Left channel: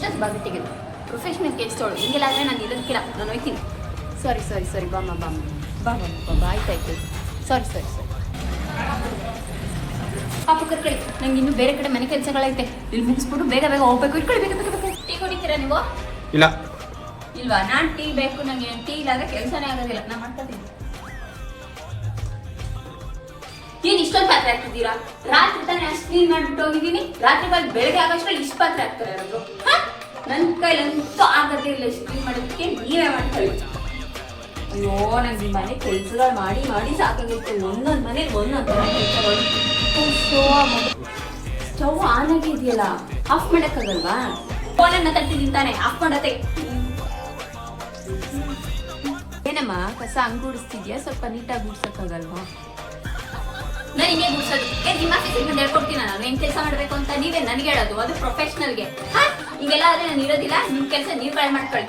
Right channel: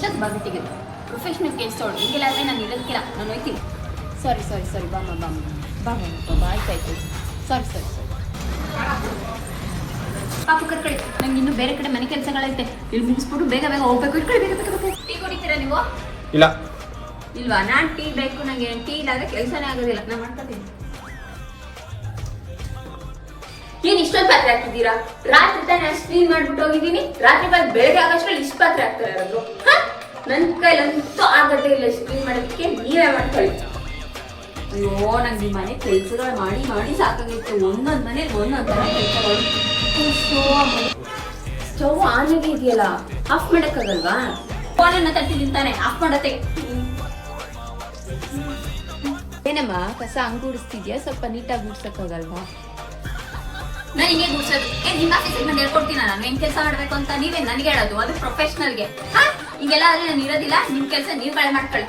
ಎಷ್ಟೊತ್ತು ಬಂದಿಟ್ಟಿಗೆ ಪ್ರೊಫೆಷ್ನಲ್ ಕೆಲಸ ತೊಗೊಳ್ಳಿ ಹಿಂಗೆಲ್ಲ ಆದರೆ ನಾನು ಇರೋದಕ್ಕಿಲ್ಲ ನಾನು ಹೋಯ್ತೀನಿ. ಸಾರಿ ಬಾಮ್ಮ ಆಯ್ತಾಯ್ತು. ಸಾರಿ ಪಾಪು ಕರ್ಕೊಳ್ಳಿ, ನಂಗೆ ಇನ್ನೂ ಬೇರೆ ಕಡೆ ಮನೆ ಕೆಲಸಗಳೈತೆ, ಇಲ್ಲಿ ಮುಗಿಸ್ಬಿಟ್ಟು ಬೇಗ ಹೋಗ್ಬೇಕು. ಇಟ್ಕೊಳ್ಳಿ ಬೇಗ. ಟೀ ಕುಡಿತೀರಾ ನೀವು? ಇಲ್ಲ ಇಲ್ವಾ? ನಾನು ಟೀ ಬೇಕು ನನಗೆ. ಟೀ ಇಲ್ಲಾಂದ್ರೆ ಕೆಲಸನೇ ಆಗೋದಿಲ್ಲ. ನಾನು ಮಾಡ್ಕೊತೀನಿ. ಏನ್ ಇಷ್ಟೊಂದು ಪಾತ್ರೆ ಹಾಕಿದ್ದೀರಾ? ರಾತ್ರಿ ತಾನೇ ಅಷ್ಟು ಕ್ಲೀನ್ ಮಾಡ್ಬಿಟ್ಟು ಹೋಗಿದ್ದೀನಿ. ರಾತ್ರಿ ಬಂದು ಬೆಳಗ್ಗೆ ಆಗೋಷ್ಟ್ರಲ್ಲಿ ಇಷ್ಟು ಪಾತ್ರೆ ಹಾಕ್ತಾರೆ ಇರೋದು. ನನ್ನ ಕೈಲಂತೂ ಆಗದೇ ಇಲ್ಲ ಇಷ್ಟು ಕ್ಲೀನ್ ಮಾಡೋದಕ್ಕೆ. ನೀವೇ ಮಾಡ್ಕೊಳ್ಳಿ. ಅಯ್ಯೋ ನಂಗೆ ಈ ಮನೆ ಕೆಲಸಗಳು ಮಾಡಿ ಸಾಕಾಗುತ್ತೆ. ಒಂದೊಂದು ಮನೇಲಿ ಒಂದೊಂದು ಕೆಲಸಗಳು. ಸ್ಟವ್ ಆನ್ ಆಗಿ ಇದೆಯಲ್ಲ, ಆಫ್ ಮಾಡೋಕ್ಕಾಗಲ್ವಾ? ಫೋನನ್ನ ತಟ್ಟಿದ್ದೀನಿ ತಾನೆ, ಆಫ್ ಮಾಡತ್ತೆ. ಏನಮ್ಮ ಕಸ ಹಂಗ್ ಗುಡಿಸ್ತಿದ್ಯಾ? ಸ್ವಲ್ಪ ನೀಟಾಗಿ ಗುಡ್ಸಕ್ಕಾಗಲ್ವಾ? ನಾನು ಹಿಂಗೆ ಗುಡ್ಸೋದು ನಿಮ್ಮ ಸೆಕೆಂಡ್ ಹೇಳ್ಕೊಡ್ತೀನಿ. ನಾನು ಹೆಂಗ್ ಕೆಲಸ ಮಾಡ್ಬೇಕು ಅಂತ ನೀವೇ ನನಗೆ ಹೇಳೋದು, ಅದು ಪ್ರೊಫೆಷನಲ್ಗೆ. ಹಿಂಗೆಲ್ಲ ಆದ್ರೆ ನಾನು ಇರೋದಿಲ್ಲ. ನಿಮ್ಮ ಕೆಲಸ ನೀವು ಕಳೆ ಮಾಡ್ಕೊಳ್ಳಿ.